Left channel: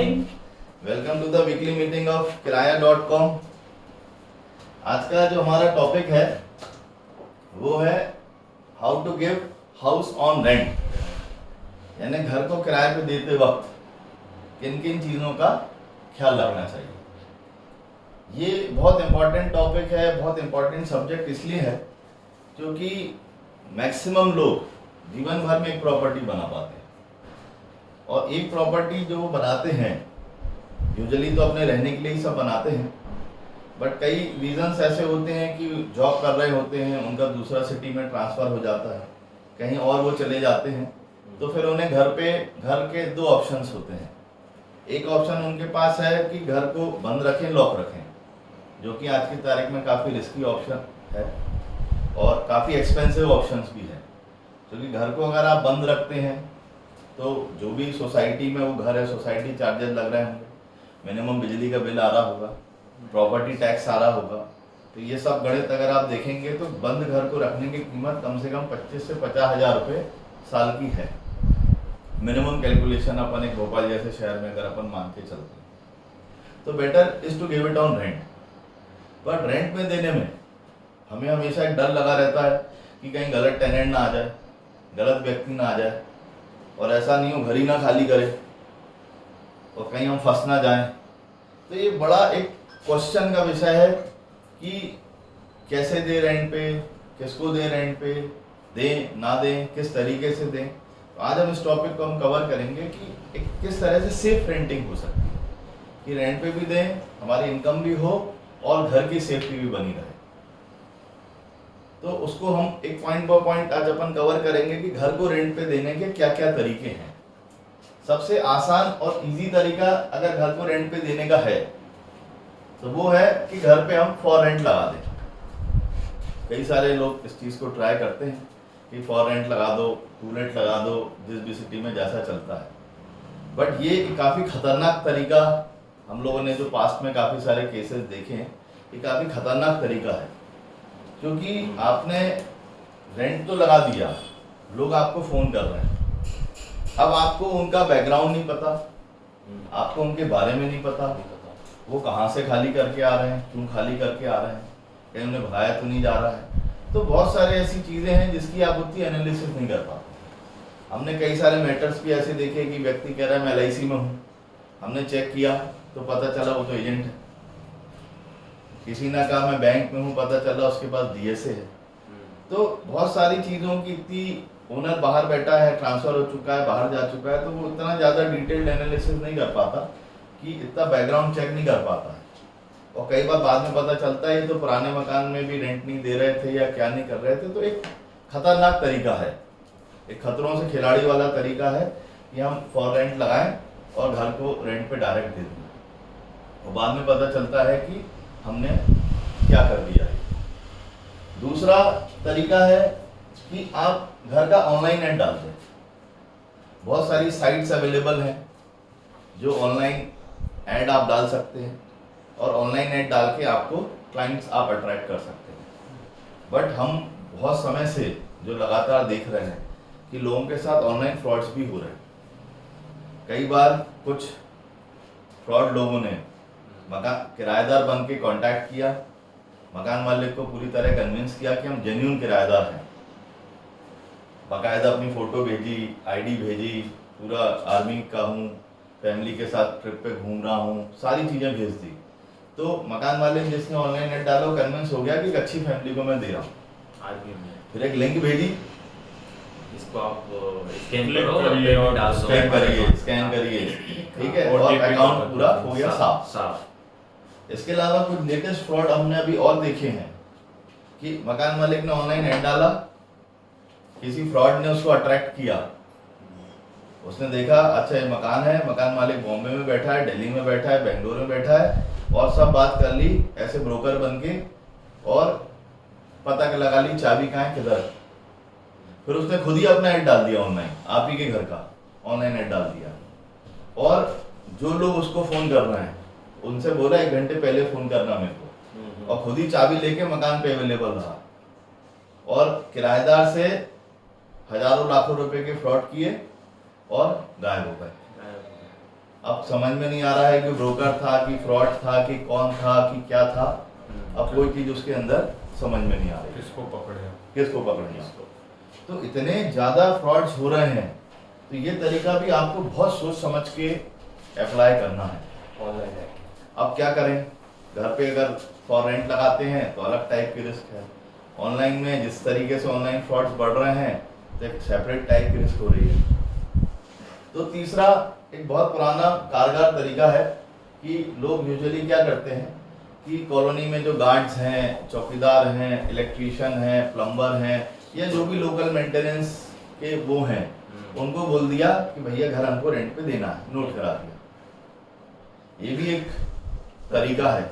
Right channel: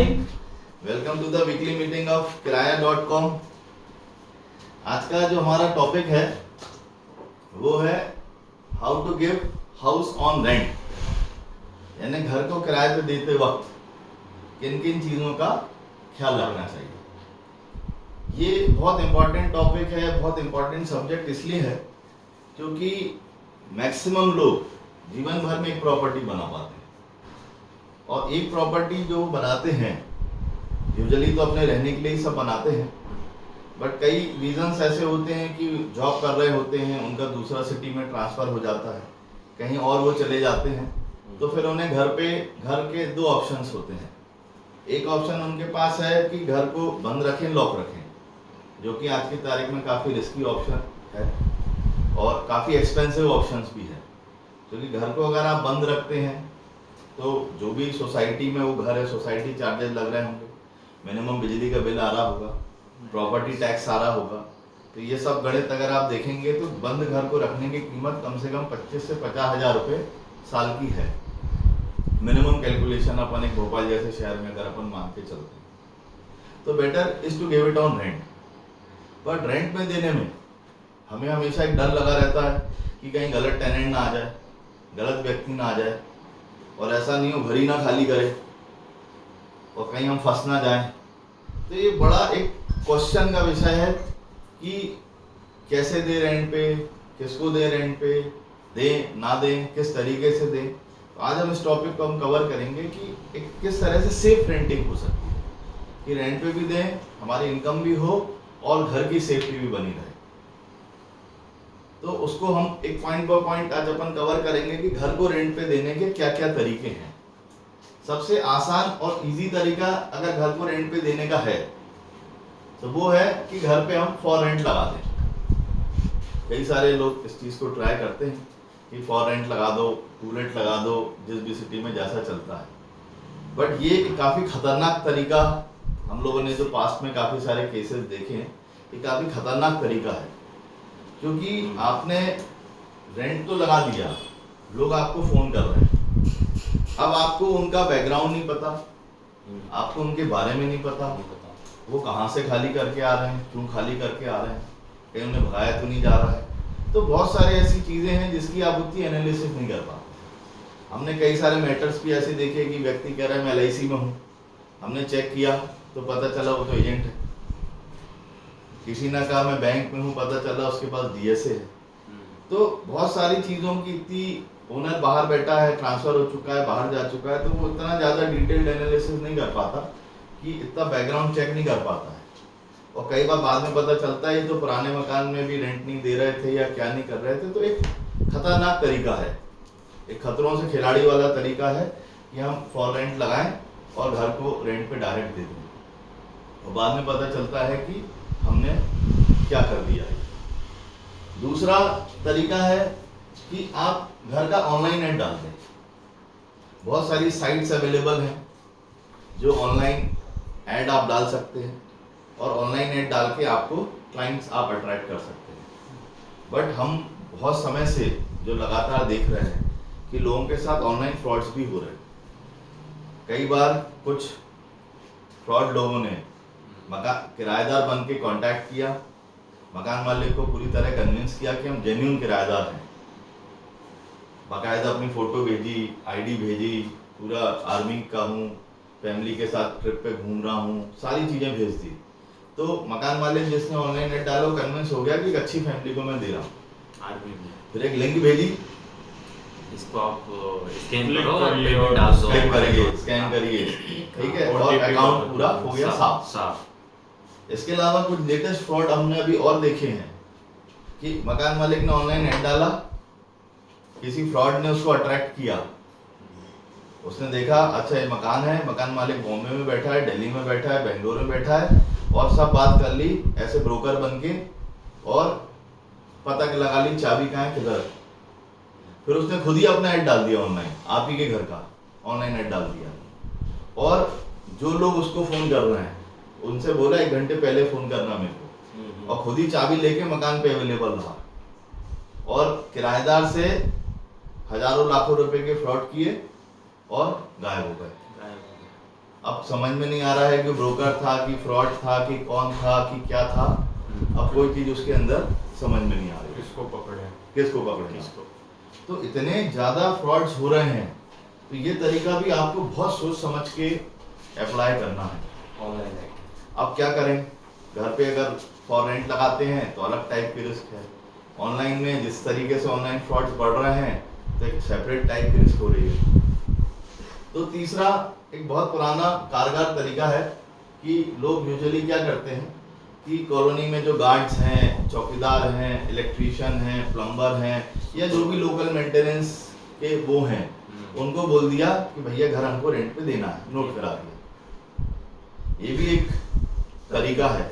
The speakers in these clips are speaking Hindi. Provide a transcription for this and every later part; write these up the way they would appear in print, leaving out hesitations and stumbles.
Morning. Welcome to the weekly meeting of Kiraya dot com. आज का जो हमारा टॉपिक है वो है how to give house on rent, यानी घर को किराए पे देते वक्त किन किन चीज़ों का ख्याल रखना चाहिए। ये बहुत इम्पॉर्टेंट टॉपिक है, बहुत इम्पॉर्टेंट सब्जेक्ट इसलिए है क्योंकि मैक्सिमम लोग जीवन भर में एक प्रॉपर्टी बना पाते हैं और एक प्रॉपर्टी जो वो बनाते हैं यूजुअली तो अपने रहने के लिए ही सब बनाते हैं, बट कई रीजंस ऐसे होते हैं कि जॉब कर रहे होते हैं, उनका दूसरा सिटी में ट्रांसफ़र हो जाता है, कहीं और वो चले जाते हैं, तो फिर उन्हें घर के दो ऑप्शंस होते हैं। एक ऑप्शन उनके पास है कि घर को बंद रखें, लॉक रखें, जो कि आज की तारीख में काफ़ी रिस्की ऑप्शन है और काफ़ी एक्सपेंसिव ऑप्शंस भी है, क्योंकि घर को अगर आप बंद रखते हैं तो जो भी सोसाइटी में वो घर है, सोसाइटी चार्जेस लग रहे होंगे, मिनिमम बिजली का बिल आ रहा होगा, प्रॉपर्टी टैक्स आ रहा होगा, तो ये सब गणित अगर आप देखेंगे तो बंद घर को रखने की कीमत कम से कम 25 से 50 हज़ार रुपये साल की है। मिनिमम कैलकुलेशन अपन एक भोपाल जैसे शहर में अगर अपन मान के चलते हैं तो better is to give it on rent. पर रेंट में देने में हमें हमेशा एक डर लगा रहता है कि कहीं गलत टेनेंट ना आ जाए, गलत व्यक्ति ना आ जाए, और ऐसा नहीं हो घर ही ना खाली करे और कहीं हम फंस ना जाएं। तो ये बड़ा एक क्वेश्चन का विषय है कि कैसे दे रेंट पे, किसको दे रेंट पे, दें ना दें, किस तरीके से दें। तो आज हम इस टॉपिक को हम कवर करेंगे कि एक किस तरह से सेफ रेंटिंग हो सकती है कि रेंट पे भी दें, हमारी इनकम भी हो और घर की सेफ्टी भी बनी रहे। तो उसको हम एक पॉइंट बाय पॉइंट आज अपन कवर करेंगे कि घर को रेंट पे देने के क्या क्या तरीके हैं। सबसे आसान और इजी तरीका अगर घर को रेंट पे देने का है तो वो है कि घर पे हम फॉर रेंट लगा दें। कई सारे लोग इस चीज़ को ट्राई करते हैं कि फॉर रेंट लगा दो, टू लेट लगा दो, जिस भी सिटी में जैसा चलता है। बट ये काफ़ी खतरनाक तरीका, हम लोगों ने जो पास्ट में काफ़ी सारे केसेस देखे हैं, ये काफ़ी खतरनाक तरीका है, क्योंकि आपने रेंट तो लगा दिया, लोग आपको फ़ोन कर रहे हैं, अब आपको उनका बैकग्राउंड नहीं पता, आपको उनके बारे में नहीं पता, वो कहाँ से खाली करके आ रहे हैं, क्यों खाली करके आ रहे हैं, कहीं उन्हें भगाया तो नहीं जा रहा है। तो बहुत सारे ऐसी चीज़ें हैं जिसकी आप उतनी एनालिसिस नहीं कर पाते। हमने कई सारे मैटर्स भी ऐसे देखे कि व्यक्ति कह रहा है मैं LIC में हूँ, हमने चेक किया तो पता चला वो तो एजेंट है। किसी ने कहा मैं बैंक में हूँ, पता चला उसके पास DSA है। तो बहुत सारी चीज़ों की इतनी, ओनर बाहर बैठा है, ट्रांसफ़र हो चुका है, बाहर जा चुका है, तो वो इतना ज़्यादा डिटेल्ड एनालिसिस नहीं कर पाता कि इतना बैकग्राउंड चेक नहीं कर पाता है। और कई बार बाद में पता चलता है ये तो पुराने मकान में भी रेंट नहीं दे रहे थे या क्या नहीं कर रहे थे। तो एक खतरनाक तरीका है, एक खतरों से खिलाड़ी वाला तरीका है कि हम फॉर रेंट लगाएं और घर को रेंट पे डायरेक्ट दे दें और बाद में पता चलता है कि हमने क्या कर दिया है। दूसरा तरीका है कि आप घर का ऑनलाइन ऐड डाल दें। बहुत सारी साइट्स अवेलेबल हैं जो ऑनलाइन ऐड आप डाल सकते हैं और ऑनलाइन ऐड डाल के आपको क्लाइंट्स आप अट्रैक्ट कर सकते हैं। बट हम बहुत समय से जो लगातार देख रहे हैं कि लोगों के साथ ऑनलाइन फ्रॉड्स भी हो रहे हैं। कई बार कुछ फ्रॉड लोगों ने मकान किराएदार बन के कॉन्टैक्ट किया, मकान मालिक को पूरी तरह कन्विंस किया कि हम जेन्युइन किराएदार हैं, बाकायदा अपनी फ़ोटो भेजी, ID भेजी, पूरा आर्मी का हूँ, फैमिली के साथ ट्रिप पे घूम रहा हूँ, सारी चीज़ें भेज दी। तो मकान मालिक जिसने ऑनलाइन नेट डाला कन्विंस हो गया कि एक अच्छी फैमिली को मैं दे रहा हूँ। आर्मी में फिर एक लिंक भेजी, इसको आप स्कैन करो और पेमेंट डाल दो, स्कैन करिए, ठीक है, और अकाउंट पूरा हो गया साफ। इसके अलावा कुछ लेटेस्ट फ्रॉड हमने अभी और देखे हैं कि मकान मालिक ने ऑनलाइन ऐड डाला, किसी फ्रॉड ने उसको अट्रैक्ट किया, उसने देखा अच्छा ये मकान है, मकान मालिक बॉम्बे में बैठा है, दिल्ली में बैठा है, बेंगलोर में बैठा है, और सब बात कर ली ऐसे ब्रोकर बन के और पता लगा ली चाबी कहाँ है, किधर। फिर उसने खुद ही अपना ऐड डाल दिया ऑनलाइन, आप ही के घर का ऑनलाइन ऐड डाल दिया, और जो लोग उसको फ़ोन कर रहे हैं उनसे बोला 1 घंटे पहले फ़ोन करना मेरे को, और खुद ही चाबी लेके मकान पे अवेलेबल रहा और किराएदार से हज़ारों लाखों रुपए के फ्रॉड किए और गायब हो गए। अब समझ में नहीं आ रहा है कि ब्रोकर था कि फ्रॉड था कि कौन था कि क्या था। अब कोई चीज़ उसके अंदर समझ में नहीं आ रही, किसको पकड़े, किसको पकड़ना। तो इतने ज़्यादा फ्रॉड्स हो रहे हैं, तो ये तरीका भी आपको बहुत सोच समझ के अप्लाई करना है। ऑनलाइन है। अब क्या करें, घर पे अगर फॉर रेंट लगाते हैं तो अलग टाइप की रिस्क है, ऑनलाइन में जिस तरीके से ऑनलाइन फ्रॉड्स बढ़ रहे हैं तो एक सेपरेट टाइप की रिस्क हो रही है। तो तीसरा एक बहुत पुराना कारगर तरीका है कि लोग यूजुअली क्या करते हैं कि कॉलोनी में जो गार्ड्स हैं, चौकीदार हैं, इलेक्ट्रीशियन हैं, प्लम्बर हैं या जो भी लोकल मेंटेनेंस के वो हैं, उनको बोल दिया कि भैया घर हमको रेंट पे देना है, नोट करा दिया। ये भी एक तरीका है।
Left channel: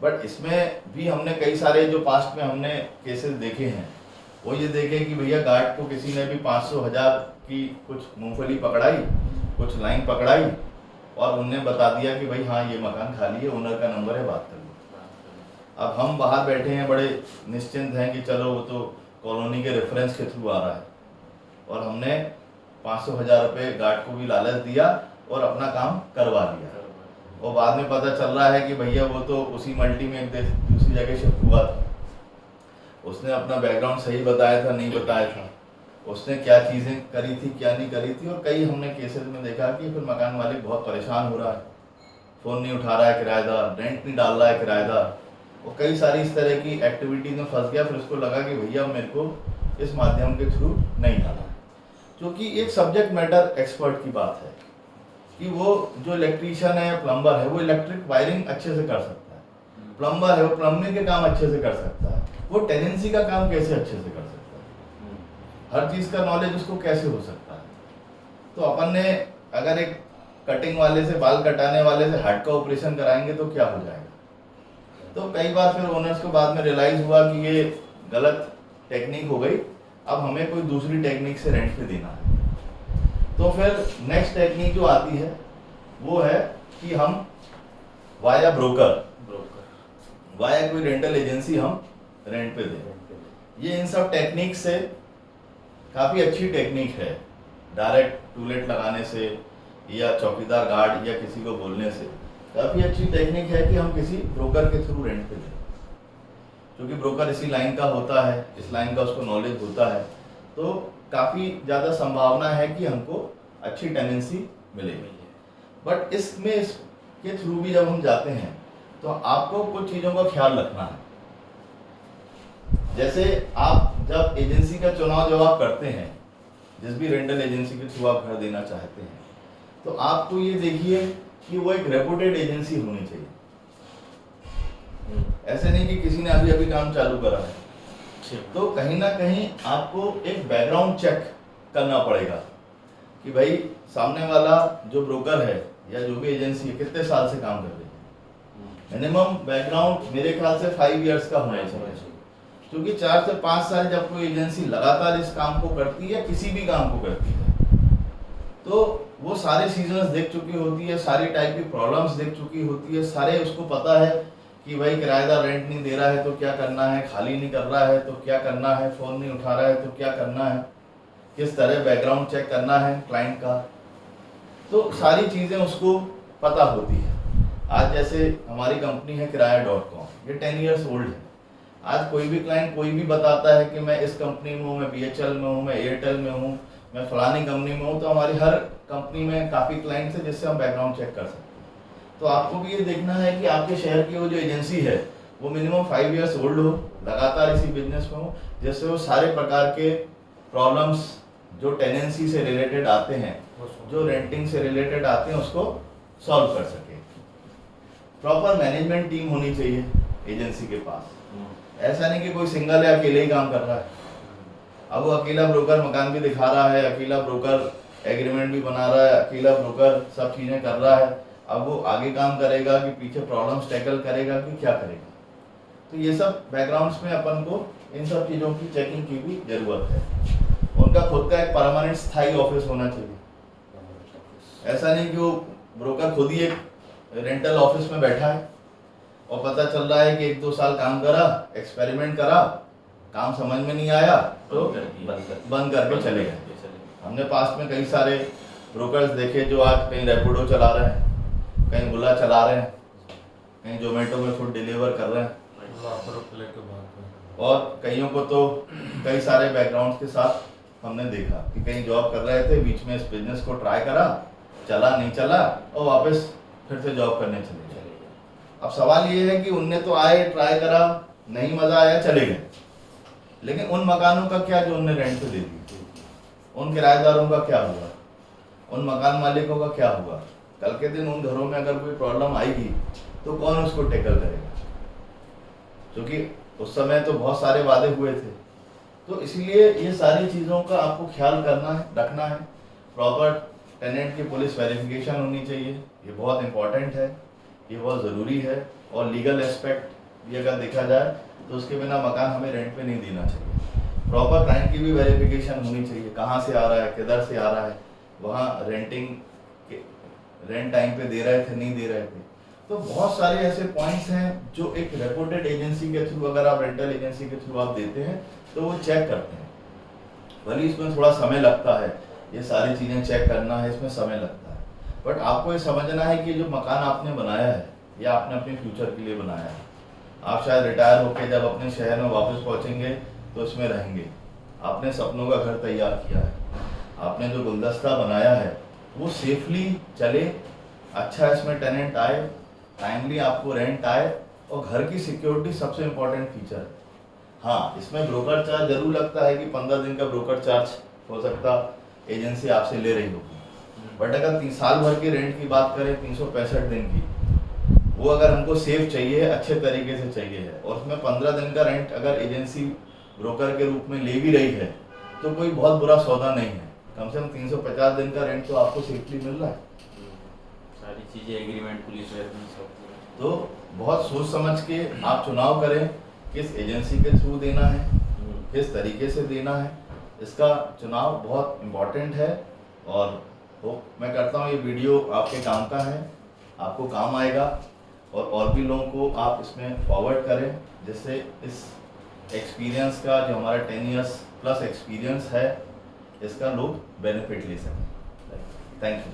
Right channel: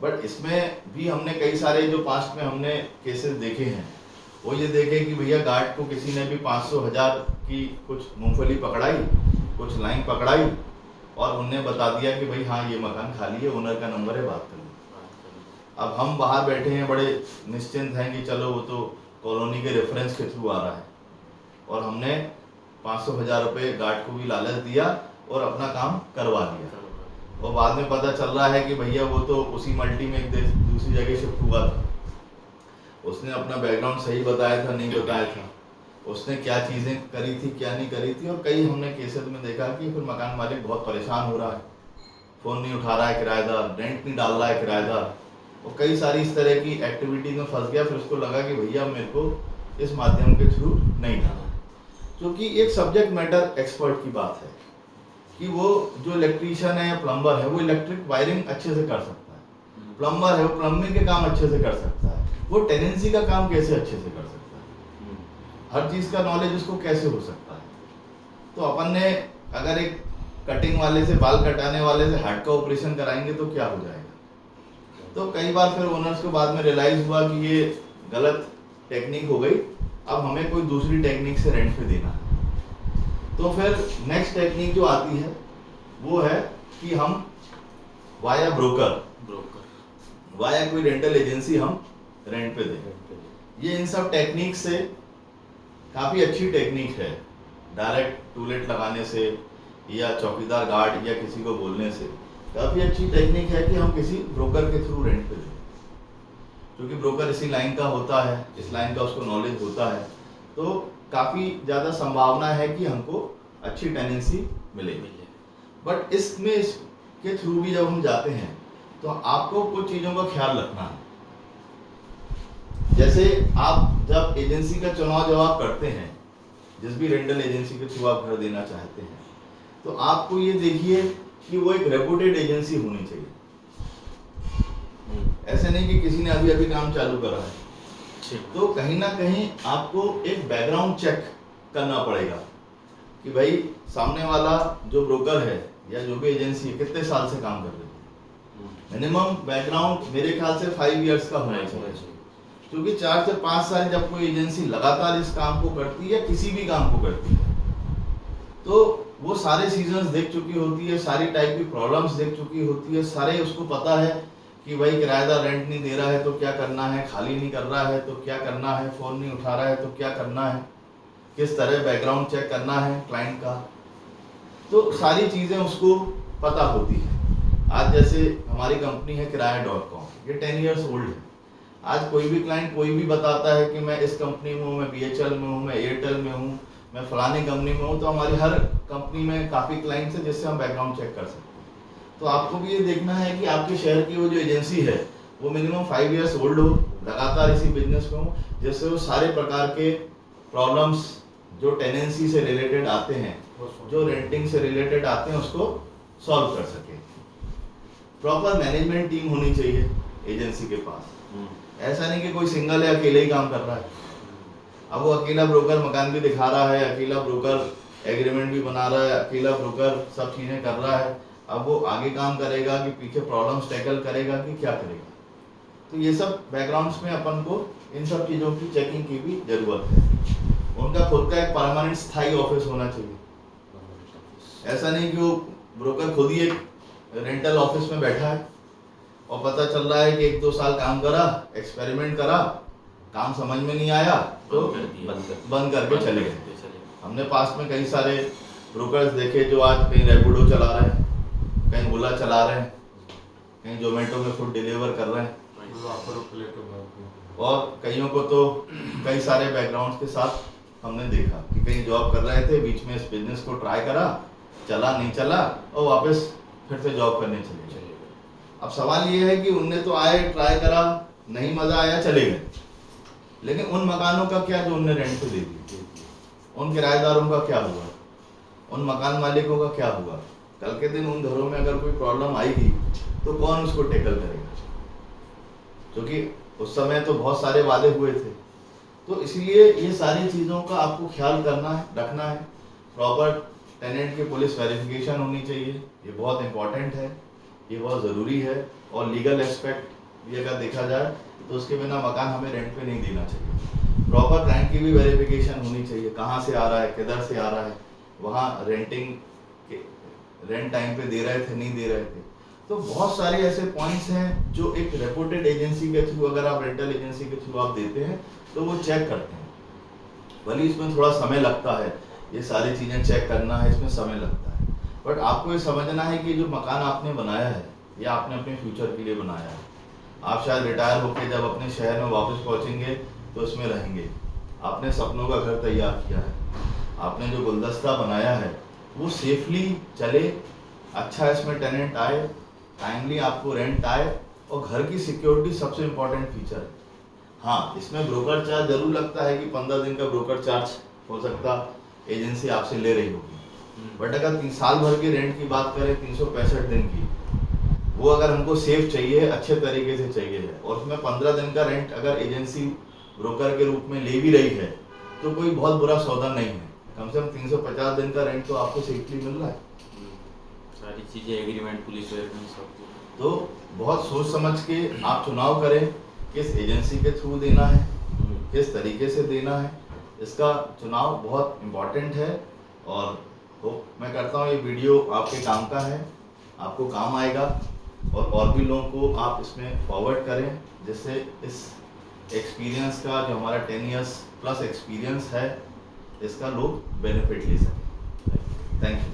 बट इसमें भी हमने कई सारे जो पास्ट में हमने केसेस देखे हैं, वो ये देखे कि भैया गार्ड को किसी ने भी 500,000 की कुछ मूंगफली पकड़ाई, कुछ लाइन पकड़ाई और उनने बता दिया कि भाई हाँ ये मकान खाली है, ओनर का नंबर है, बात कर लो। अब हम बाहर बैठे हैं, बड़े निश्चिंत हैं कि चलो वो तो कॉलोनी के रेफरेंस के थ्रू आ रहा है, और हमने 500,000 रुपये गार्ड को भी लालच दिया और अपना काम करवा दिया। और बाद में पता चल रहा है कि भैया वो तो उसी मल्टी में एक दूसरी जगह शिफ्ट हुआ था, उसने अपना बैकग्राउंड सही बताया था नहीं बताया था, उसने क्या चीज़ें करी थी क्या नहीं करी थी। और कई हमने केसेस में देखा कि फिर मकान मालिक बहुत परेशान हो रहा है, फ़ोन नहीं उठा रहा है किराएदार, रेंट नहीं डाल रहा है किराएदार, और कई सारी इस तरह की एक्टिविटीज़ में फंस गया। फिर उसको लगा कि भैया मेरे को इस माध्यम के थ्रू नहीं डाला है, क्योंकि एक सब्जेक्ट मैटर एक्सपर्ट की बात है कि वो जो इलेक्ट्रीशियन है या प्लम्बर है वो इलेक्ट्रिक वायरिंग अच्छे से कर सकता है, प्लम्बर है वो प्लम्बिंग के काम अच्छे से कर सकता है, वो टेनेंसी का काम कैसे अच्छे से कर सकता है, हर चीज़ का नॉलेज उसको कैसे हो सकता है। तो अपन ने अगर एक कटिंग वाले से, बाल कटाने वाले से हार्ट का ऑपरेशन कराएंगे तो क्या हो जाएगा। तो कई बार फिर ओनर्स को बाद में रियलाइज़ हुआ कि ये गलत टेक्निक हो गई, अब हमें कोई दूसरी टेक्निक से रेंट पे देना है। तो फिर नेक्स्ट टेक्निक जो आती है वो है कि हम वाया ब्रोकर, वाया कोई रेंटल एजेंसी हम रेंट पे दें। ये इन सब टेक्निक से काफ़ी अच्छी टेक्निक है, डायरेक्ट टूलेट लगाने से या चौकीदार गार्ड या किसी को बोलने से काफ़ी अच्छी टेक्निक है कि हम किसी ब्रोकर के थ्रू रेंट पे दें, क्योंकि ब्रोकर इसी लाइन का होता है, इस लाइन का उसको नॉलेज होता है, तो काफ़ी ज़्यादा संभावना है कि हमको अच्छी टेनेंसी मिलेगी। बट इसमें इसके थ्रू भी जब हम जाते हैं तो आपको कुछ चीज़ों का ख्याल रखना है। जैसे आप जब एजेंसी का चुनाव जब आप करते हैं, जिस भी रेंटल एजेंसी के थ्रू आप घर देना चाहते हैं, तो आपको ये देखिए कि वो एक रेपुटेड एजेंसी होनी चाहिए। ऐसे नहीं कि किसी ने अभी अभी काम चालू करा है। तो कहीं ना कहीं आपको एक बैकग्राउंड चेक करना पड़ेगा कि भाई सामने वाला जो ब्रोकर है या जो भी एजेंसी है कितने साल से काम कर रही है। मिनिमम बैकग्राउंड मेरे ख्याल से 5 इयर्स का होना चाहिए, क्योंकि 4 से 5 साल जब कोई एजेंसी लगातार इस काम को करती है, किसी भी काम को करती है, तो वो सारे सीजन्स देख चुकी होती है, सारी टाइप की प्रॉब्लम्स देख चुकी होती है, सारे उसको पता है कि भाई किराएदार रेंट नहीं दे रहा है तो क्या करना है, खाली नहीं कर रहा है तो क्या करना है, फ़ोन नहीं उठा रहा है तो क्या करना है, किस तरह बैकग्राउंड चेक करना है क्लाइंट का, तो सारी चीज़ें उसको पता होती है। आज जैसे हमारी कंपनी है किराया.com, ये 10 इयर्स ओल्ड है। आज कोई भी क्लाइंट कोई भी बताता है कि मैं इस कंपनी में हूँ, मैं BHL में हूँ, मैं एयरटेल में हूँ, मैं फलानी कंपनी में हूँ, तो हमारी हर कंपनी में काफ़ी क्लाइंट्स हैं जिससे हम बैकग्राउंड चेक कर सकते हैं। तो आपको भी ये देखना है कि आपके शहर की वो जो एजेंसी है वो मिनिमम 5 इयर्स ओल्ड हो, लगातार इसी बिजनेस में हो, जिससे वो सारे प्रकार के प्रॉब्लम्स जो टेनेंसी से रिलेटेड आते हैं, जो रेंटिंग से रिलेटेड आते हैं, उसको सॉल्व कर सके। प्रॉपर मैनेजमेंट टीम होनी चाहिए एजेंसी के पास। ऐसा नहीं कि कोई सिंगल है अकेले ही काम कर रहा है। अब वो अकेला ब्रोकर मकान भी दिखा रहा है, अकेला ब्रोकर एग्रीमेंट भी बना रहा है, अकेला ब्रोकर सब चीज़ें कर रहा है। अब वो आगे काम करेगा कि पीछे प्रॉब्लम्स टैकल करेगा कि क्या करेगा। तो ये सब बैकग्राउंड्स में अपन को इन सब चीज़ों की चेकिंग की भी ज़रूरत है। उनका खुद का एक परमानेंट स्थायी ऑफिस होना चाहिए। ऐसा नहीं कि वो ब्रोकर खुद ही एक रेंटल ऑफिस में बैठा है और पता चल रहा है कि 1-2 साल काम करा, एक्सपेरिमेंट करा, काम समझ में नहीं आया तो बंद करके चले गए। हमने पास्ट में कई सारे ब्रोकर्स देखे जो आज कहीं रैपिडो चला रहे हैं, कहीं ओला चला रहे हैं, कहीं जोमेटो में फूड डिलीवर कर रहे हैं, और कईयों को तो कई सारे बैकग्राउंड्स के साथ हमने देखा कि कहीं जॉब कर रहे थे, बीच में इस बिजनेस को ट्राई करा, चला नहीं चला और वापस फिर से जॉब करने चले गए। अब सवाल ये है कि उनने तो आए, ट्राई करा, नहीं मजा आया, चले गए, लेकिन उन मकानों का क्या जो उनने रेंट पे दे दी, उन किराएदारों का क्या हुआ, उन मकान मालिकों का क्या हुआ? कल के दिन उन घरों में अगर कोई प्रॉब्लम आएगी तो कौन उसको टैकल करेगा? क्योंकि उस समय तो बहुत सारे वादे हुए थे। तो इसलिए ये सारी चीज़ों का आपको ख्याल करना है, रखना है। प्रॉपर टेनेंट की पुलिस वेरिफिकेशन होनी चाहिए, ये बहुत इंपॉर्टेंट है, ये बहुत ज़रूरी है। और लीगल एस्पेक्ट ये अगर देखा जाए तो उसके बिना मकान हमें रेंट पे नहीं देना चाहिए। प्रॉपर क्लाइंट की भी वेरिफिकेशन होनी चाहिए, कहाँ से आ रहा है, किधर से आ रहा है, वहाँ रेंट टाइम पे दे रहे थे, नहीं दे रहे थे। तो बहुत सारे ऐसे पॉइंट्स हैं जो एक रेपुटेड एजेंसी के थ्रू, अगर आप रेंटल एजेंसी के थ्रू आप देते हैं तो वो चेक करते हैं। भले इसमें थोड़ा समय लगता है, ये सारी चीज़ें चेक करना है, इसमें समय लगता है, बट आपको ये समझना है कि जो मकान आपने बनाया है या आपने अपने फ्यूचर के लिए बनाया है, आप शायद रिटायर होकर जब अपने शहर में वापस पहुँचेंगे तो इसमें रहेंगे। आपने सपनों का घर तैयार किया है, आपने जो गुलदस्ता बनाया है वो सेफली चले, अच्छा इसमें टेनेंट आए, टाइमली आपको रेंट आए, और घर की सिक्योरिटी सबसे इम्पोर्टेंट फीचर है। हाँ, इसमें ब्रोकर चार्ज जरूर लगता है कि 15 दिन का ब्रोकर चार्ज हो सकता एजेंसी आपसे ले रही होगी, बट अगर 3 साल भर के रेंट की बात करें, 365 दिन की, वो अगर हमको सेफ चाहिए, अच्छे तरीके से चाहिए है, और उसमें 15 दिन का रेंट अगर एजेंसी ब्रोकर के रूप में ले भी रही है तो कोई बहुत बुरा सौदा नहीं है। कम से कम 350 दिन का रेंट तो आपको सेफली मिल रहा है। सारी चीजें एग्रीमेंट, पुलिस सब। तो बहुत सोच समझ के आप चुनाव करें, किस एजेंसी के थ्रू देना है, किस तरीके से देना है, इसका चुनाव बहुत इम्पोर्टेंट है। और मैं करता हूँ ये वीडियो आपके काम का है, आपको काम आएगा, और भी लोगों को आप इसमें फॉरवर्ड करें, जिससे इस एक्सपीरियंस का जो हमारा 10 इयर्स प्लस एक्सपीरियंस है, इसका लोग बेनिफिट ले सकें। Thank you.